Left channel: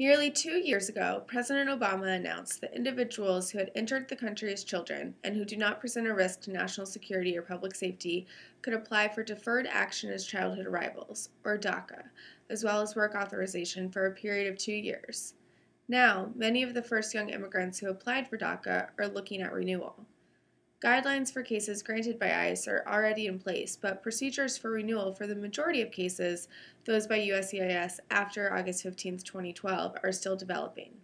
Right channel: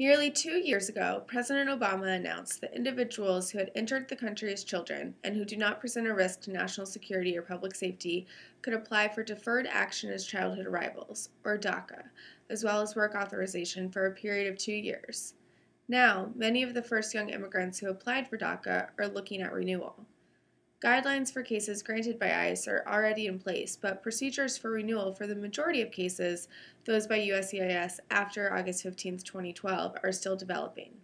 Nearly 2 years ago, President Obama announced that individuals who had entered the country as children and who do not present a risk to national security or public safety could apply for Deferred Action as Childhood Arrivals, or DACA, as well as work authorization for a period of 2 years. Now, many of the first young immigrants who applied for DACA are looking at renewal. Guidelines for cases granted by ICE are already in place, but procedures for renewal for the majority of cases, those by USCIS after August 15, 2012, are still developing.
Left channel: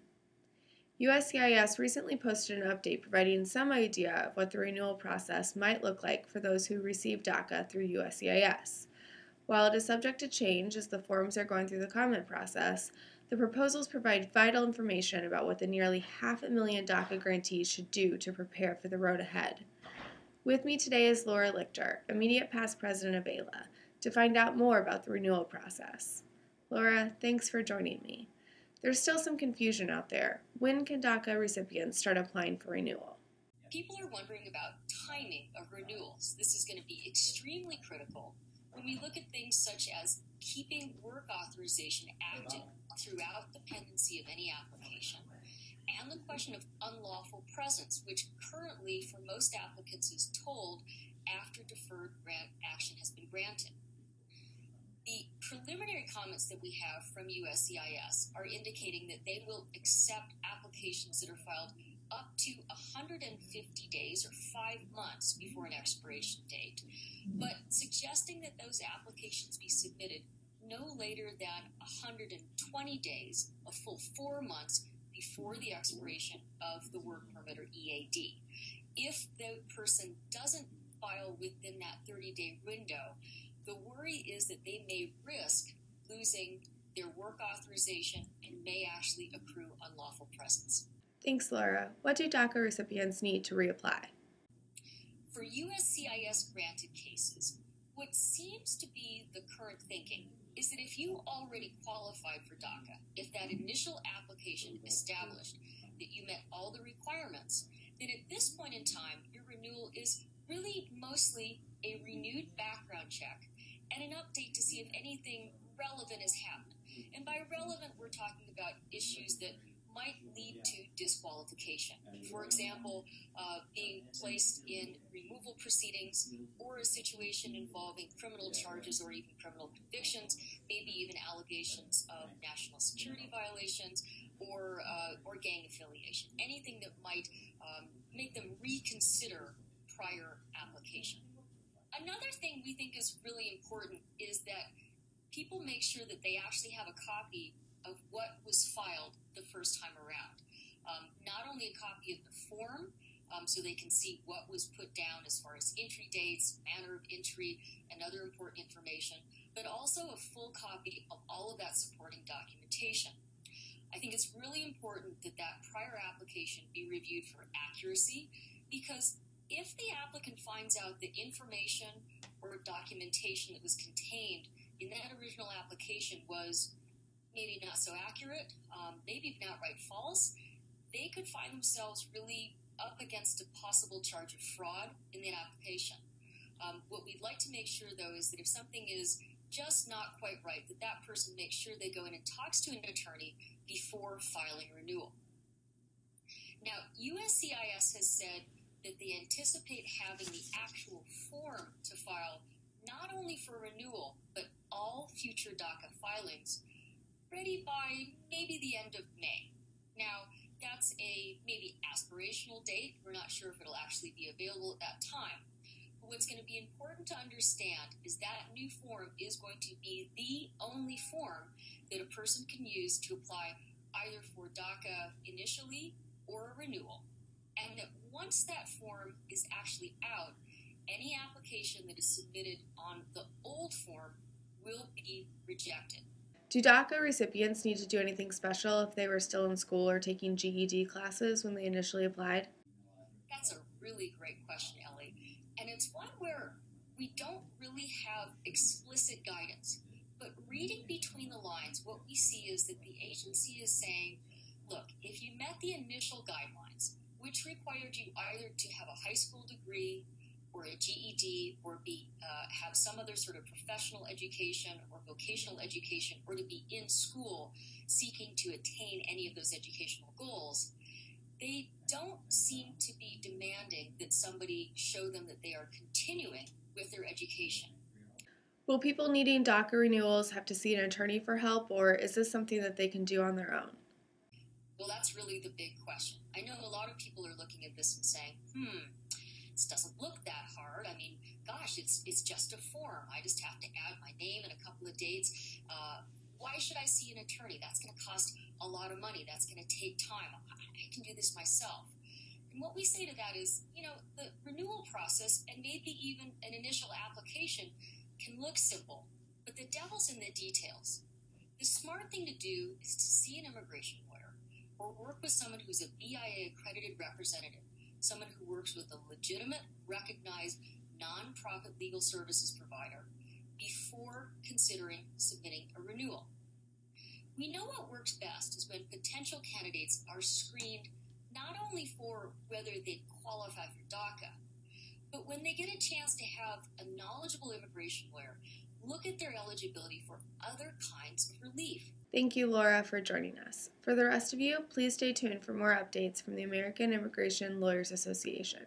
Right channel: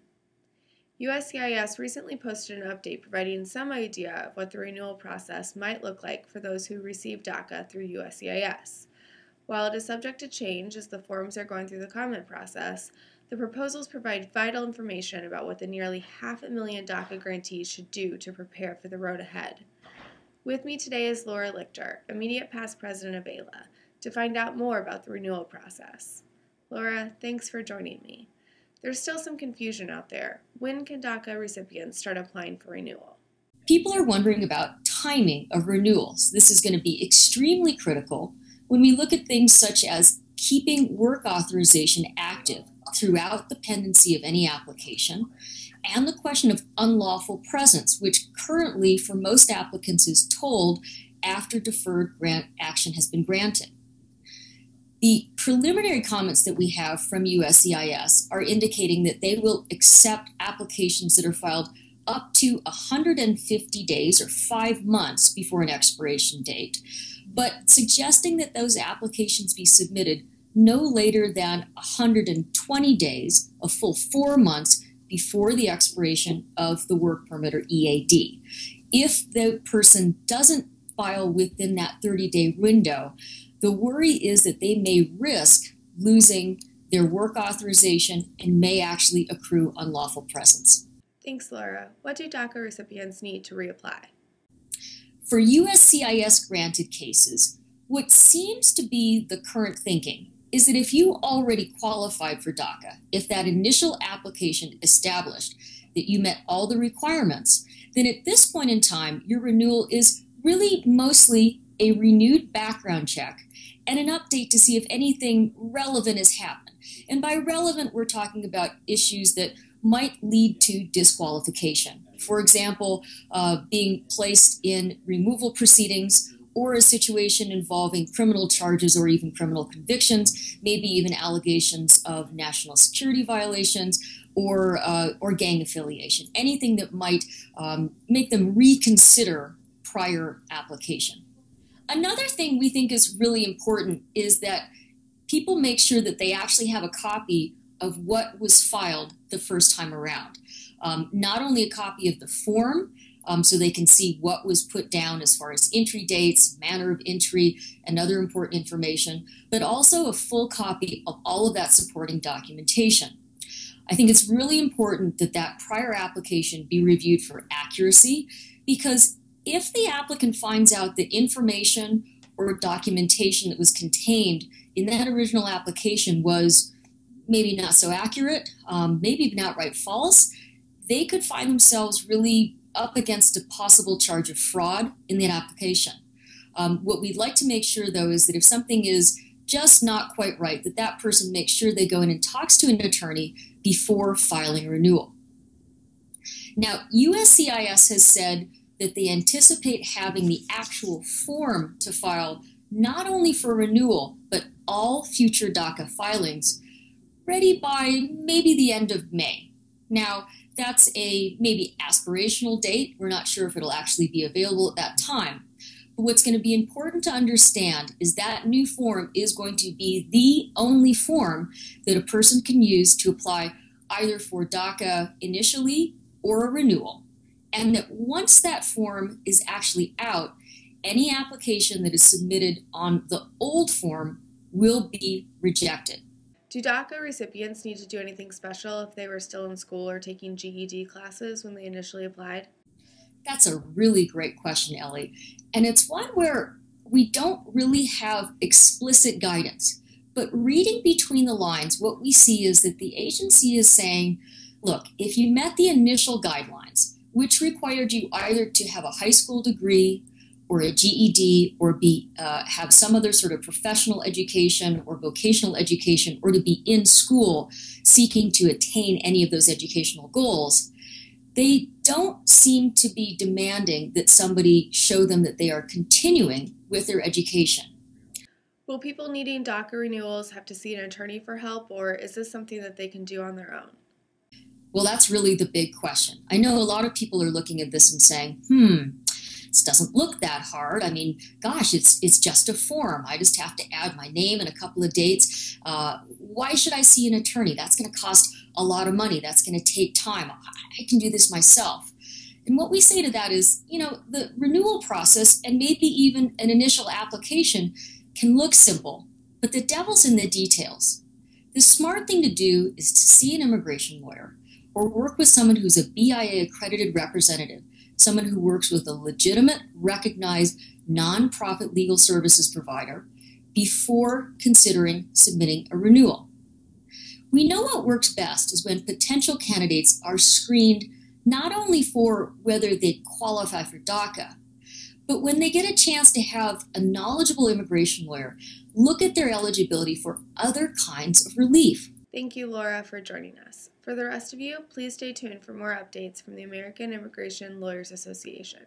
USCIS recently posted an update providing some idea of what the renewal process might look like for those who receive DACA through USCIS. While it is subject to change as the forms are going through the comment process, the proposals provide vital information about what the nearly 500,000 DACA grantees should do to prepare for the road ahead. With me today is Laura Lichter, immediate past president of AILA, to find out more about the renewal process. Laura, thanks for joining me. There's still some confusion out there. When can DACA recipients start applying for renewal? People are wondering about timing of renewals. This is going to be extremely critical when we look at things such as keeping work authorization active throughout the pendency of any application, and the question of unlawful presence, which currently for most applicants is told after deferred action has been granted. The preliminary comments that we have from USCIS are indicating that they will accept applications that are filed up to 150 days or 5 months before an expiration date, but suggesting that those applications be submitted no later than 120 days, a full 4 months before the expiration of the work permit or EAD. If the person doesn't file within that 30-day window, the worry is that they may risk losing their work authorization and may actually accrue unlawful presence. Thanks, Laura. What do DACA recipients need to reapply? For USCIS granted cases, what seems to be the current thinking is that if you already qualified for DACA, if that initial application established that you met all the requirements, then at this point in time, your renewal is really mostly a renewed background check and an update to see if anything relevant has happened. And by relevant, we're talking about issues that might lead to disqualification. For example, being placed in removal proceedings or a situation involving criminal charges or even criminal convictions, maybe even allegations of national security violations or gang affiliation, anything that might make them reconsider prior application. Another thing we think is really important is that people make sure that they actually have a copy of what was filed the first time around. Not only a copy of the form, so they can see what was put down as far as entry dates, manner of entry, and other important information, but also a full copy of all of that supporting documentation. I think it's really important that that prior application be reviewed for accuracy, because if the applicant finds out that information or documentation that was contained in that original application was maybe not so accurate, maybe even outright false, they could find themselves really up against a possible charge of fraud in that application. What we'd like to make sure, though, is that if something is just not quite right, that that person makes sure they go in and talks to an attorney before filing a renewal. Now, USCIS has said that they anticipate having the actual form to file not only for renewal, but all future DACA filings ready by maybe the end of May. Now, that's a maybe aspirational date. We're not sure if it'll actually be available at that time. But what's going to be important to understand is that new form is going to be the only form that a person can use to apply either for DACA initially or a renewal. And that once that form is actually out, any application that is submitted on the old form will be rejected. Do DACA recipients need to do anything special if they were still in school or taking GED classes when they initially applied? That's a really great question, Ellie. And it's one where we don't really have explicit guidance. But reading between the lines, what we see is that the agency is saying, look, if you met the initial guidelines, which required you either to have a high school degree or a GED or have some other sort of professional education or vocational education, or to be in school seeking to attain any of those educational goals, they don't seem to be demanding that somebody show them that they are continuing with their education. Will people needing DACA renewals have to see an attorney for help, or is this something that they can do on their own? Well, that's really the big question. I know a lot of people are looking at this and saying, this doesn't look that hard. I mean, gosh, it's just a form. I just have to add my name and a couple of dates. Why should I see an attorney? That's going to cost a lot of money. That's going to take time. I can do this myself. And what we say to that is, the renewal process and maybe even an initial application can look simple, but the devil's in the details. The smart thing to do is to see an immigration lawyer or work with someone who's a BIA accredited representative, someone who works with a legitimate, recognized, nonprofit legal services provider before considering submitting a renewal. We know what works best is when potential candidates are screened not only for whether they qualify for DACA, but when they get a chance to have a knowledgeable immigration lawyer look at their eligibility for other kinds of relief. Thank you, Laura, for joining us. For the rest of you, please stay tuned for more updates from the American Immigration Lawyers Association.